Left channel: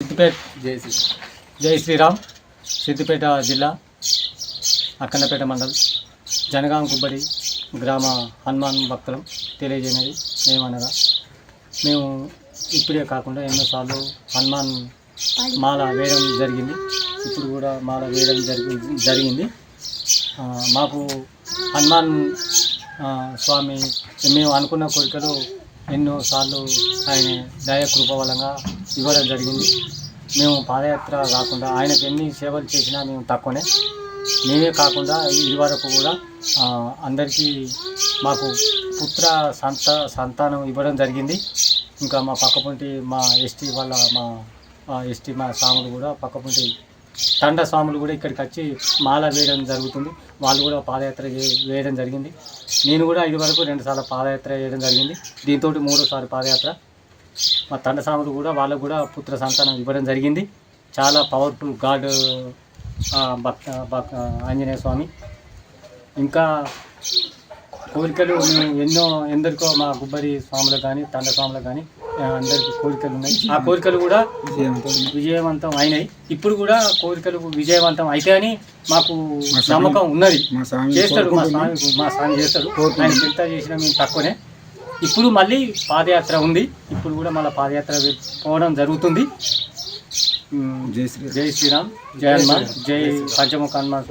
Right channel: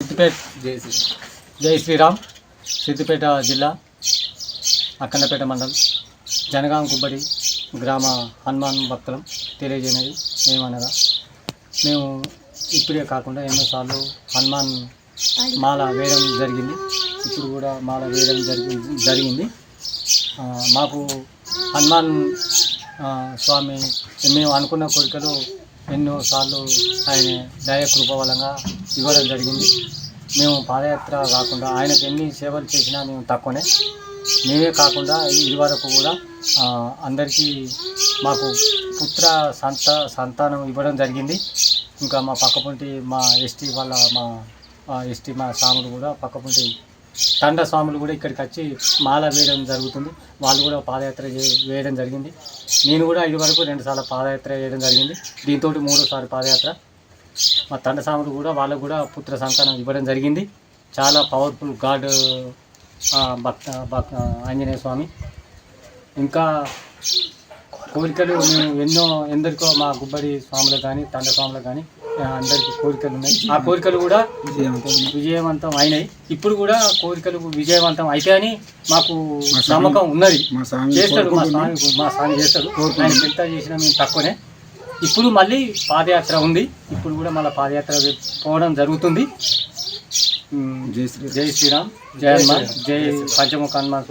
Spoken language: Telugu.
సిద్దిపేట జై శ్రీరామ్ సిద్దిపేట జిల్లా అక్కన్నపేట మండల్ జనగాం గుబ్బడి గ్రామ హనుమాన్ భక్తులం తెలియజేయనది ఏమనగా మేము ఇప్పుడే కాకుండా ఎన్నోసార్లు హనుమాన్ మాల వేయడం జరిగింది. ఇప్పుడు కూడా మాల వేయడం జరిగింది. మాకు హనుమాన్ స్వామి మేము అనుకున్న కోరికలు ఎన్నోసార్లు ఆయన దయ కృప వలంగా ఇవ్వడం జరిగింది. మేము పాదయాత్ర కాకుండా ఆయనకు ఎన్ని సేవలు చేసినా మేము తక్కువనే. మేమే కాకుండా ఇదివరకు కూడా అందరికీ మాకు పుత్ర సంతానం ఇవ్వడం జరిగింది. ఇంకా మా పక్కపొంటి మా ఎస్టీ వాళ్ళ మా స్వాములు కూడా పక్కపొంటి తండ స్వాములు కూడా ఇక్కడికి వచ్చి మాల వేయడం జరుగుతుంది. వాళ్ళు కూడా పాదయాత్ర వేయడం జరిగింది. నేను కూడా ఇదివరకు 2 సార్లు పాదయాత్ర చేయడం జరిగింది. దీంతో 3వ పాదయాత్ర. మా తండ స్వాములు కూడా వాళ్ళకు కూడా పుత్ర సంతానం ఇవ్వడం జరిగింది. చాలా పవర్ఫుల్ గాడ్ ఆంజనేయ స్వామి. ఇంకా కోరికలు మేము ఎందరికో మా గుబ్బడి స్వాములకు కానీ తండ స్వాములకు కానీ అందరికీ కోరికలు ఉన్నాయి. ఆ కోరికలు కూడా విజయవంతం అయినాయి. ఇప్పుడు కూడా కోరికలు విజయవంతం అయితే అని మాకు నమ్మకం ఉన్నది. చేస్తాడు మా స్వామి చేస్తాడు. ఆయన ఎంత చేసినా మేము తక్కువనే. ఇప్పుడు మళ్ళీ పాదయాత్ర ఉంది. ఇప్పుడు కూడా మళ్ళీ పాదయాత్ర పోవడం జరుగుతుంది. జై శ్రీరామ్, జై హనుమాన్, జై పంచముఖ హనుమాన్.